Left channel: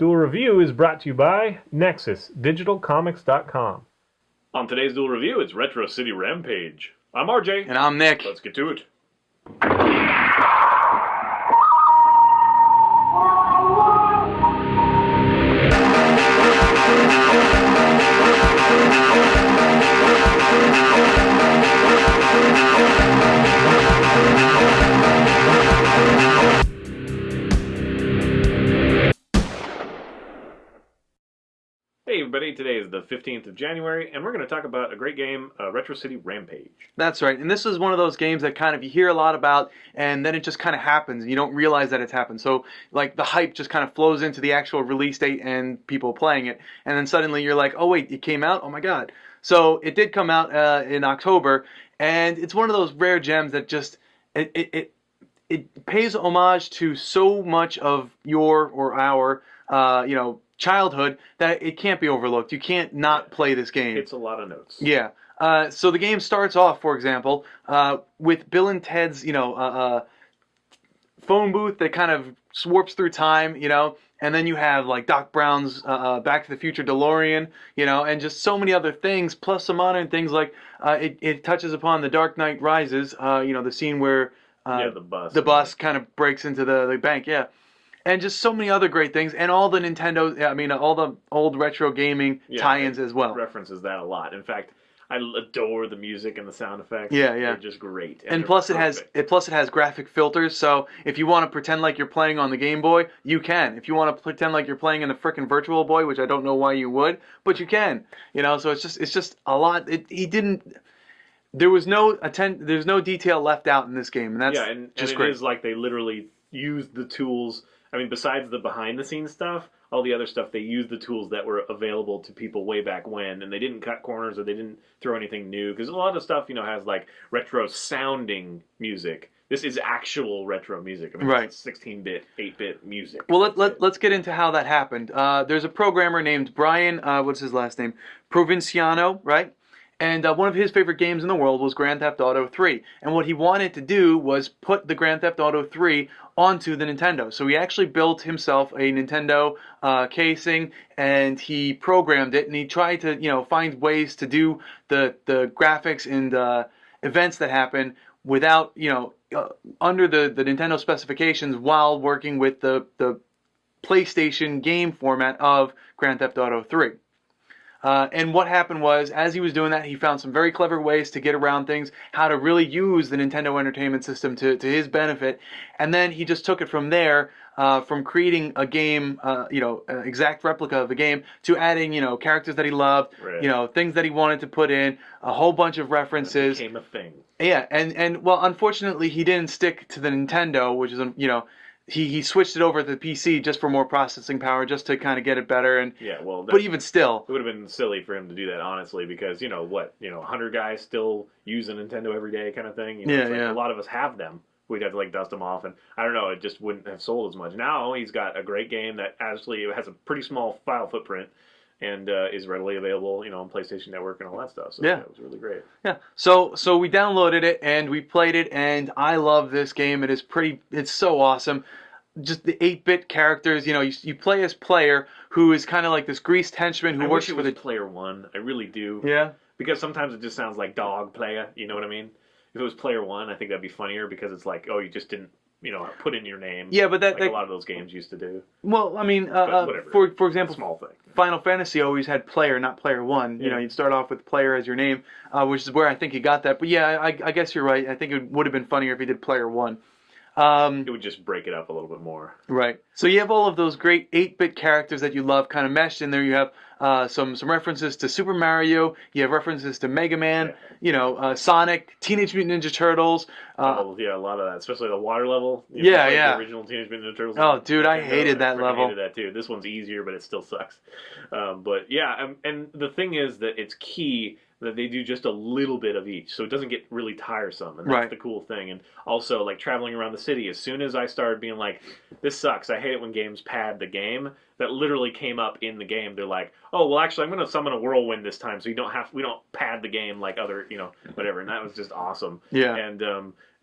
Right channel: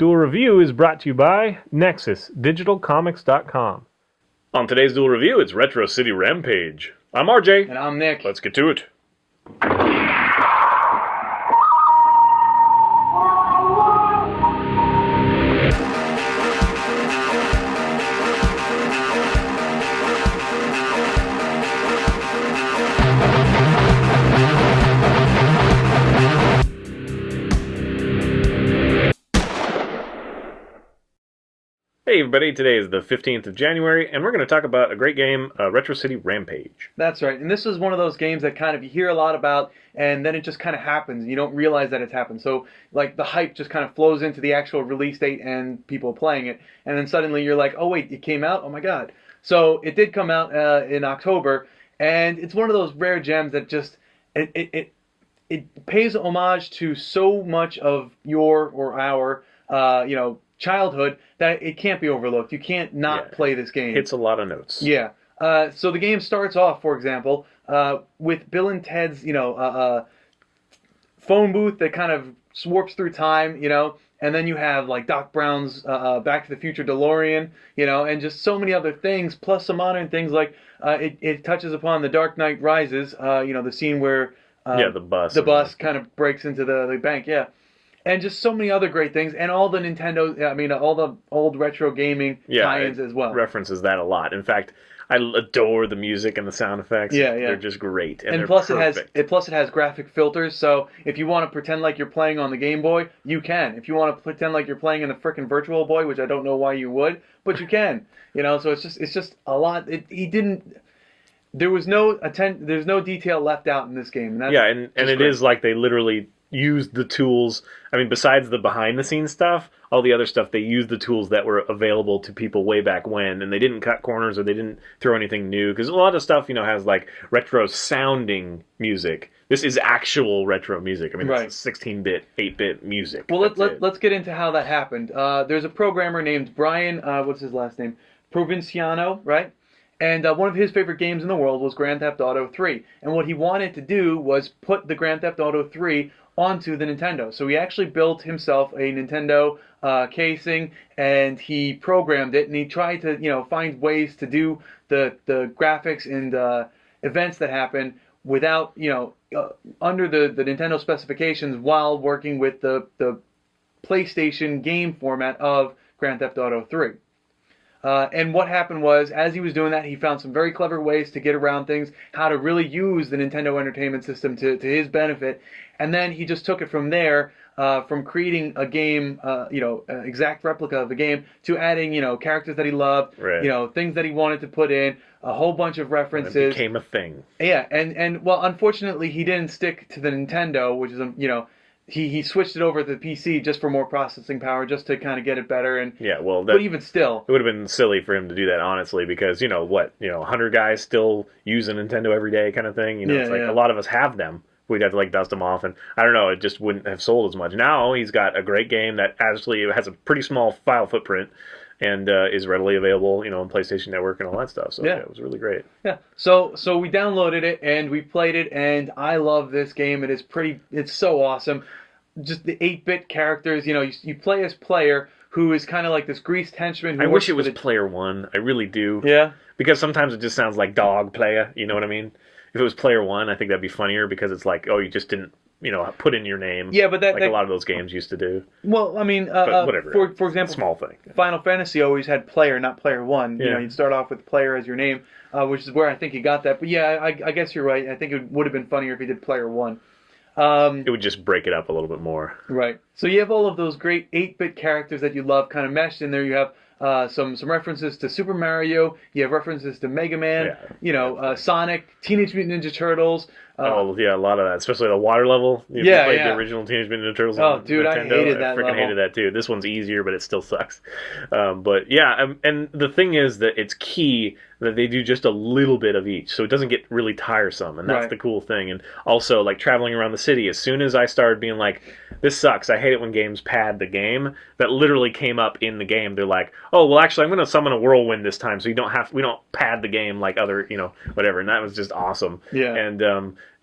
Duel Review is brought to you by NexusDigitalComics.com. On today's Duel Review, it's Retro City Rampage. I'm RJ. And I'm Nick. Let's get to it. Hey everybody, today is the 15th of January, and we're going to talk about a great game, Retro City Rampage. That's right, and this is one of those games that kind of you hear a lot about, and then it just kind of happens, and you don't realize that it's happened. So, like, the hype just kind of flows into the actual release date and people playing it, and then suddenly you're like, oh wait, it came out? Oh my god. So, it did come out in October, and it's one of those rare gems that just, it pays homage to so much of your or our, childhood that it can't be overlooked. You can't not play this game. Hits a lot of notes. Yeah. So the game starts off, for example, with Bill and Ted's, phone booth that kind of warps through time, and then you have like Doc Brown's Back to the Future DeLorean, and just so many other things, plus some modern things like it touches upon The Dark Knight Rises, the scene where the bus kind of breaks into the bank, yeah. And just so many other great things, and all the Nintendo, all the old retro gaming tie-ins as well. References that a lot. In fact, I adore the music and the sound effects. Yeah. They're just great. And plus it has graphic filters, so if you want to pretend like you're playing on the Game Boy, you can. If you want to pretend like you're playing in the frickin' Virtual Boy, which I don't know why you would, but you can. So it's just a lot. There's no detail left out in this game, and that's and it great. Is like they literally used the tools. I mean, besides the behind-the-scenes stuff, all the other stuff, they used the tools that were available to people way back when, and they didn't cut corners or they didn't throw anything new, because a lot of stuff, has like retro-sounding music. This is actual retro music. I mean, right. It's 16-bit, 8-bit music. Well, let's get into how that happened. There's a programmer named Brian, what's his last name? Provinciano, right? And one of his favorite games in the world was Grand Theft Auto 3. And what he wanted to do was put the Grand Theft Auto 3 onto the Nintendo. So he actually built himself a Nintendo casing, and he programmed it, and he tried to, find ways to do the graphics and events that happen without, under the Nintendo specifications while working with the PlayStation game format of Grand Theft Auto 3. And what happened was, as he was doing that, he found some very clever ways to get around things, how to really use the Nintendo Entertainment System to his benefit, and then he just took it from there, from creating a game, exact replica of a game, to adding, characters that he loved, right. Things that he wanted to put in, a whole bunch of references. And it became a thing. Yeah, and well, unfortunately, he didn't stick to the Nintendo, which is, He switched it over to the PC just for more processing power, just to kind of get it better. And but even still, it would have been silly for him to do that, honestly, because 100 guys still use a Nintendo every day, kind of thing. A lot of us have them. We'd have to dust them off, and I don't know, it just wouldn't have sold as much. Now he's got a great game that actually has a pretty small file footprint and is readily available, on PlayStation Network and all that stuff. So it was really great. Yeah. So we downloaded it and we played it, and I love this game. It's so awesome. Just the 8-bit characters, you play as player who is kind of like this greased henchman who I works wish it was for player one. I really do. Yeah. Because sometimes it just sounds like dog player, you know what I mean? If it was player one, I think that'd be funnier, because it's like, oh, you just didn't, put in your name. Yeah, but a lot of those games used to do. Well, I mean, whatever. For example, small thing. Final Fantasy always had player, not player one. Yeah. You start off with player as your name, which is where I think he got that. But yeah, I guess you're right. I think it would have been funnier if he did player one. It would just break it up a little bit more. Right. So you have all of those great 8-bit characters that you love kind of meshed in there. You have some references to Super Mario. You have references to Mega Man. Yeah. Sonic, Teenage Mutant Ninja Turtles. A lot of that, especially the water level. The original Teenage Mutant Ninja Turtles. Oh, dude, Nintendo, I hated that level. I hated that too. This one's easier, but it still sucks. But yeah, and the thing is that it's key that they do just a little bit of each, so it doesn't get really tiresome, and that's the cool thing. And also, traveling around the city, as soon as I started being like, this sucks, I hate it when games pad the game, that literally came up in the game. They're like, oh, well, actually, I'm going to summon a whirlwind this time, so we don't pad the game like other, whatever, and that was just awesome. Yeah. And,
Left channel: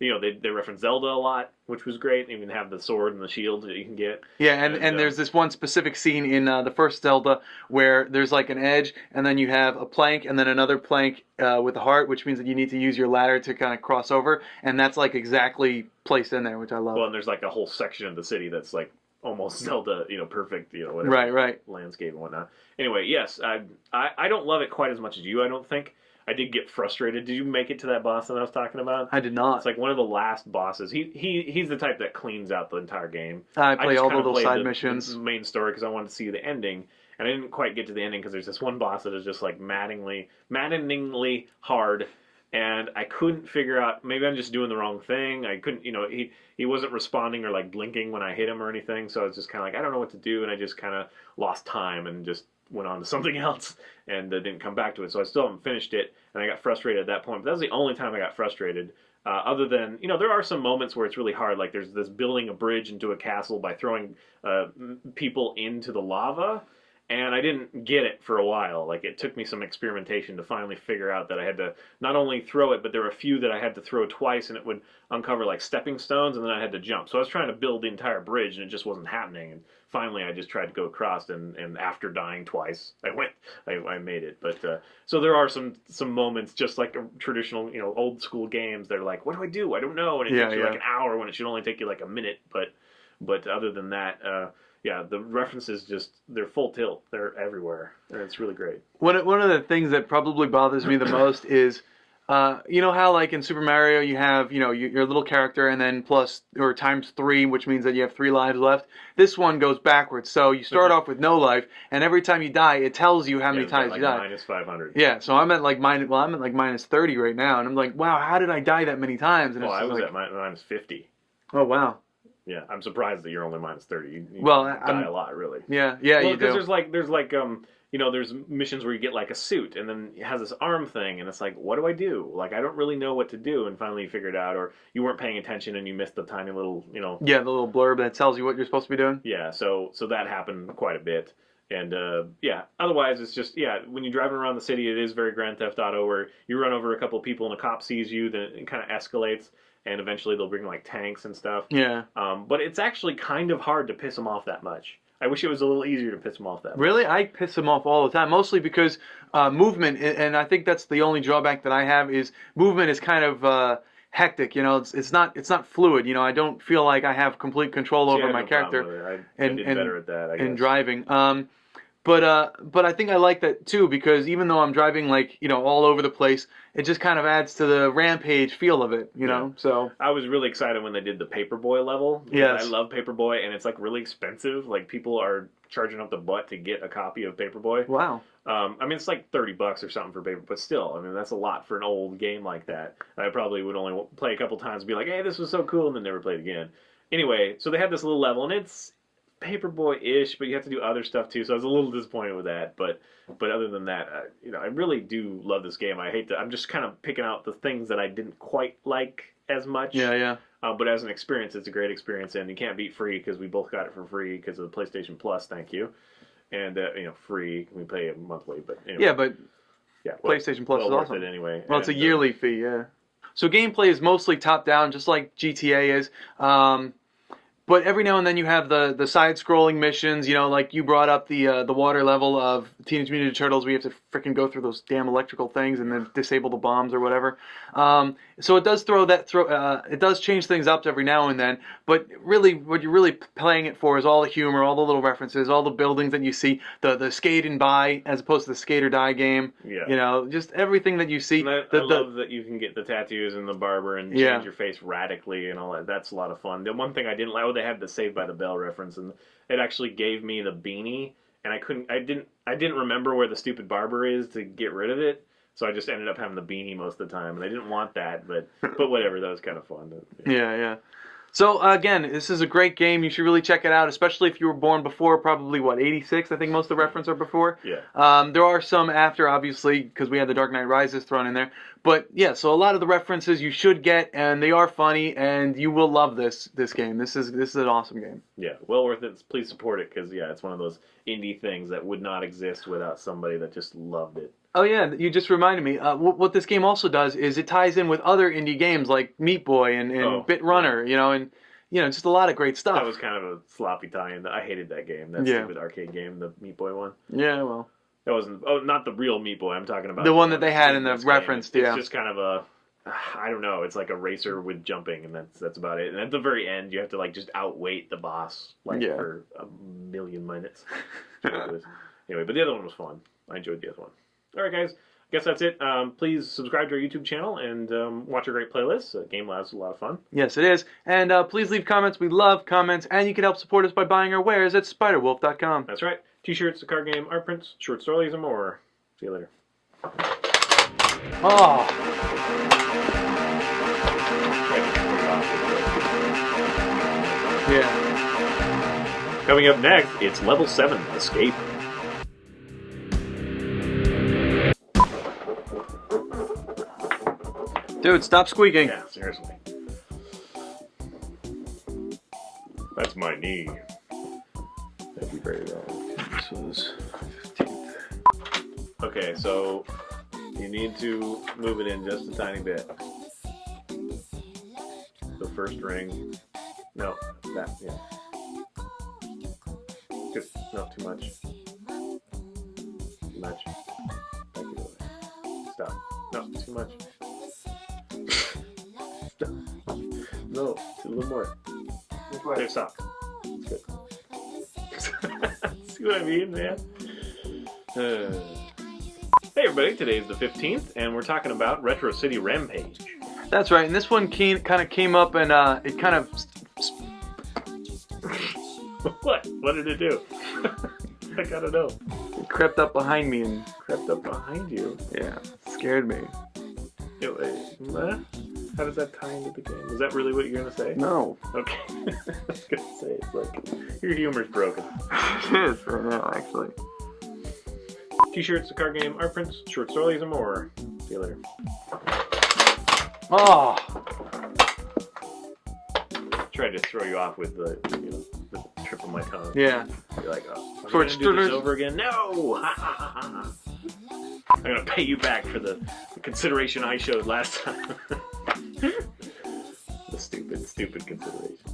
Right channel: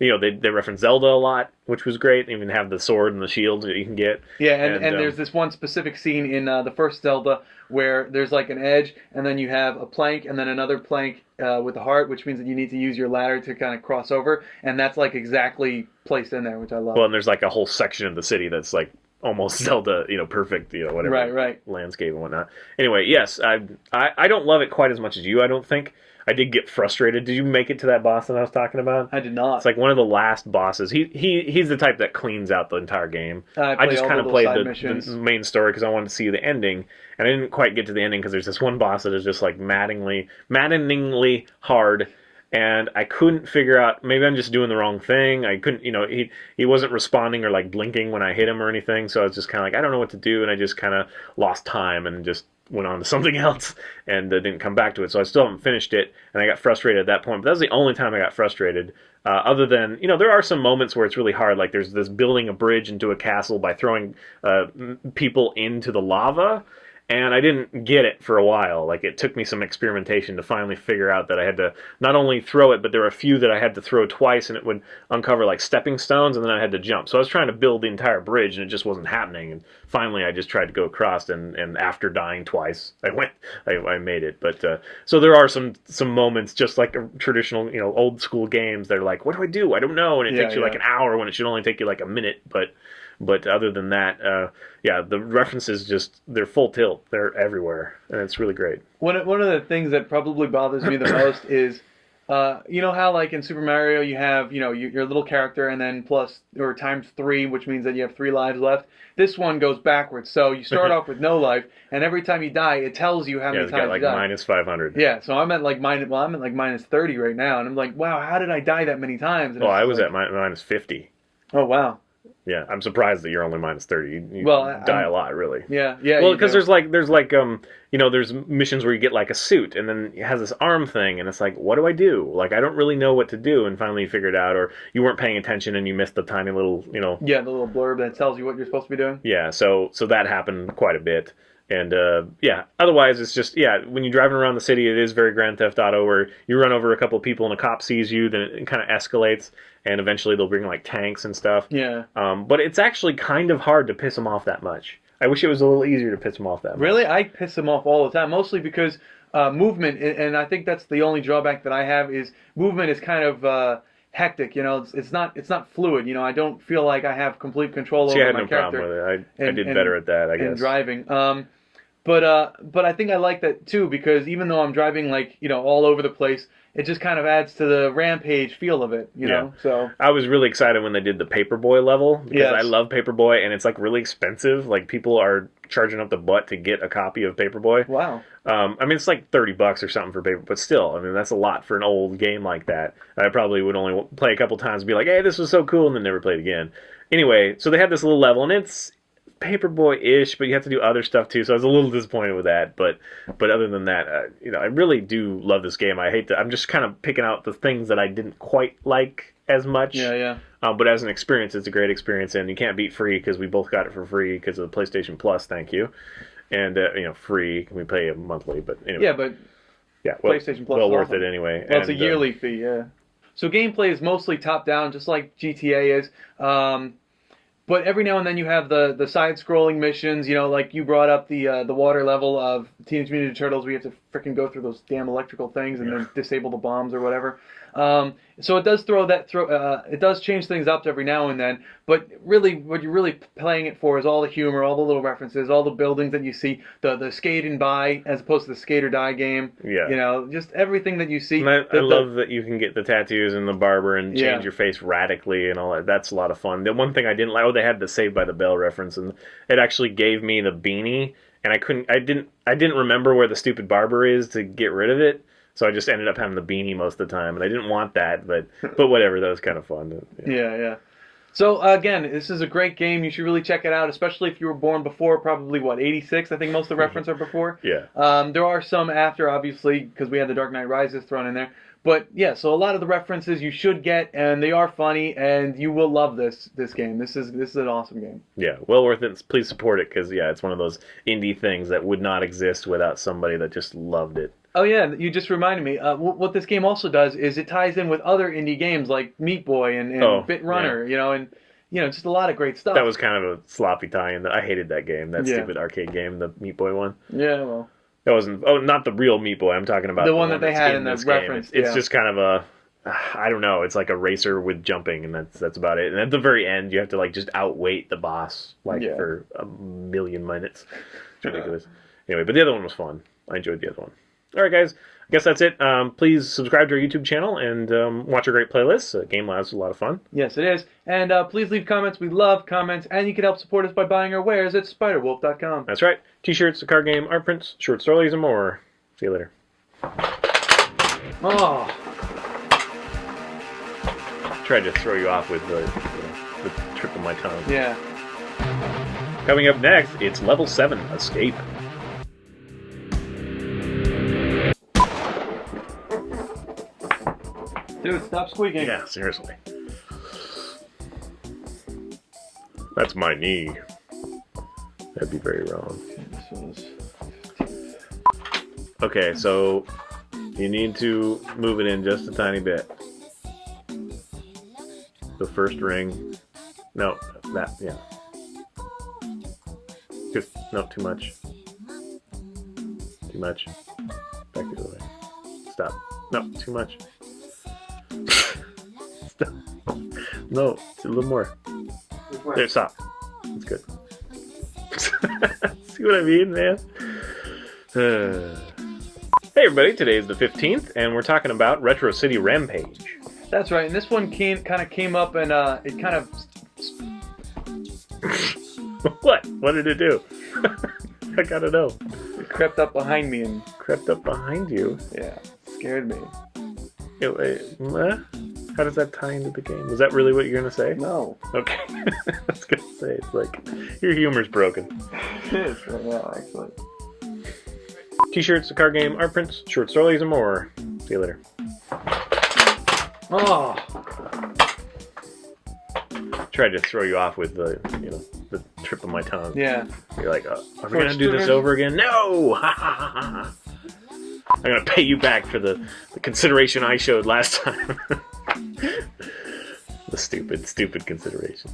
they reference Zelda a lot, which was great. Even have the sword and the shields that you can get. Yeah, and there's this one specific scene in the first Zelda where there's like an edge, and then you have a plank, and then another plank with a heart, which means that you need to use your ladder to kind of cross over, and that's like exactly placed in there, which I love. Well, and there's like a whole section of the city that's like almost Zelda, perfect, whatever, right, landscape and whatnot. Anyway, yes, I don't love it quite as much as you. I don't think. I did get frustrated. Did you make it to that boss that I was talking about? I did not. It's like one of the last bosses. He's the type that cleans out the entire game. I just kind of played the main story because I wanted to see the ending, and I didn't quite get to the ending because there's this one boss that is just like maddeningly hard, and I couldn't figure out. Maybe I'm just doing the wrong thing. I couldn't, he wasn't responding or like blinking when I hit him or anything. So I was just kind of like, I don't know what to do, and I just kind of lost time and just went on to something else and didn't come back to it. So I still haven't finished it, and I got frustrated at that point. But that was the only time I got frustrated. Other than, there are some moments where it's really hard. Like there's this building a bridge into a castle by throwing people into the lava. And I didn't get it for a while. Like, it took me some experimentation to finally figure out that I had to not only throw it, but there were a few that I had to throw twice, and it would uncover, like, stepping stones, and then I had to jump. So I was trying to build the entire bridge, and it just wasn't happening. And finally, I just tried to go across, and after dying twice, I made it. But, so there are some moments, just like a traditional, old school games, they're like, what do I do? I don't know. And it takes you, like, an hour when it should only take you, like, a minute. But other than that, the references they're full tilt. They're everywhere, and it's really great. One of the things that probably bothers me the most is, you know how like in Super Mario you have, your little character and then times 3, which means that you have 3 lives left. This one goes backwards. So you start off with no life, and every time you die, it tells you how many times you died. Minus 500. Yeah, so I'm at like minus 30 right now, and I'm like, wow, how did I die that many times? And I was at minus 50. Oh, wow. Yeah, I'm surprised that you're only minus 30. You die a lot, really. Yeah. Well, because there's missions where you get like a suit, and then it has this arm thing, and it's like, what do I do? Like, I don't really know what to do, and finally you figure it out, or you weren't paying attention and you missed the tiny little, Yeah, the little blurb that tells you what you're supposed to be doing. Yeah, so that happened quite a bit. And, otherwise it's just, when you're driving around the city, it is very Grand Theft Auto, where you run over a couple of people and a cop sees you, then it kind of escalates, and eventually they'll bring, like, tanks and stuff. Yeah. But it's actually kind of hard to piss them off that much. I wish it was a little easier to piss them off that much. Really? I piss them off all the time, mostly because movement, and I think that's the only drawback that I have, is movement is kind of... hectic, it's not fluid. I don't feel like I have complete control over my character. Problem with it. I did better at that, I guess. And driving. But I think I like that too, because even though I'm driving like all over the place, it just kind of adds to the Rampage feel of it, you know. So I was really excited when they did the Paperboy level, because I love Paperboy, and it's like really expensive. Like, people are charging up the butt to get a copy of Paperboy. Wow. I mean, it's like $30 or something for paper, but still, I mean, that's a lot for an old game like that. I probably would only play a couple times and be like, hey, this was so cool, and then never play it again. Anyway, so they had this little level, and it's Paperboy-ish, but you have to do other stuff too, so I was a little disappointed with that. But other than that, I really do love this game. I'm just kind of picking out the things that I didn't quite like as much. Yeah. But as an experience, it's a great experience, and you can't beat free, because we both got it for free because of the PlayStation Plus. Thank you. And free. We pay monthly, but anyway. Yeah, but PlayStation Plus well is worth awesome. it anyway. Well, it's a yearly fee, yeah. So gameplay is mostly top down, just like GTA is. But every now and then you have the side-scrolling missions, like you brought up the water level of Teenage Mutant Ninja Turtles, where you have to freaking go through those damn electrical things and then disable the bombs or whatever. So it does it does change things up every now and then. But really, what you're really playing it for is all the humor, all the little references, all the buildings that you see, the skate and buy as opposed to the skate or die game. Yeah. Just everything that you see. And I love that you can get the tattoos and the barber and change your face radically and all that. That's a lot of fun. The one thing I didn't like, they had the Saved by the Bell reference, and it actually gave me the beanie, and I didn't remember where the stupid barber is to get rid of it. So I just ended up having the beanie most of the time, and I didn't want that, but whatever, that was kind of fun. Yeah. So again, this is a great game. You should really check it out, especially if you were born before, probably 86. I think most of the reference are before. Yeah. There are some after, obviously, because we had the Dark Knight Rises thrown in there. But yeah, so a lot of the references you should get, and they are funny, and you will love this game. This is an awesome game. Yeah, well worth it. Please support it, because it's one of those indie things that would not exist without somebody that just loved it. Oh yeah, you just reminded me. What this game also does is it ties in with other indie games like Meat Boy and Bit Runner, and you know, just a lot of great stuff. That was kind of a sloppy tie-in. I hated that game, that Yeah. stupid arcade game, the Meat Boy one. Yeah, well. That wasn't. Oh, not the real Meat Boy. I'm talking about The one that they that's had in the this game. reference. It's yeah. just kind of a. I don't know. It's like a racer with jumping, and that's about it. And at the very end, you have to like just outweight the boss like Yeah. for a million minutes. It's ridiculous. Anyway, but the other one was fun. I enjoyed the other one. All right, guys. I guess that's it. Please subscribe to our YouTube channel and watch our great playlists. Game Lab's a lot of fun. Yes, it is. And please leave comments. We love comments. And you can help support us by buying our wares at spiderwolf.com. That's right. T-shirts, the card game, art prints, short stories, and more. See you later. Oh. Tried to throw you off with my tongue. Yeah. Coming up next, it's Level 7, Escape. Dude, stop squeaking. Yeah, seriously. That's my knee. That'd be very wrong. Okay, so you need to move it in just a tiny bit. The first ring. No, that, yeah. Just, no, too much. Too much. Back the other way. Stop. No, too much. Stop. No, a little more. There, stop. That's good. See what I mean, man? Hey everybody, today is the 15th, and we're talking about Retro City Rampage. That's right. And this one kind of came up and it kind of... What? What did it do? I gotta know. crept up behind me and... Crept up behind you? Yeah, scared me. How does that tie into the game? Is that really what you're gonna say? No. Okay. I was gonna say, it's like, your humor's broken. It is right now, actually. T-shirts, the card game, art prints, short stories, and more. See you later. Oh! Tried to throw you off with the, the trip of my tongue. Yeah. You're like, are we gonna do this over again? No! Ha ha ha ha! I'm gonna pay you back for the consideration I showed last time. The stupid consideration.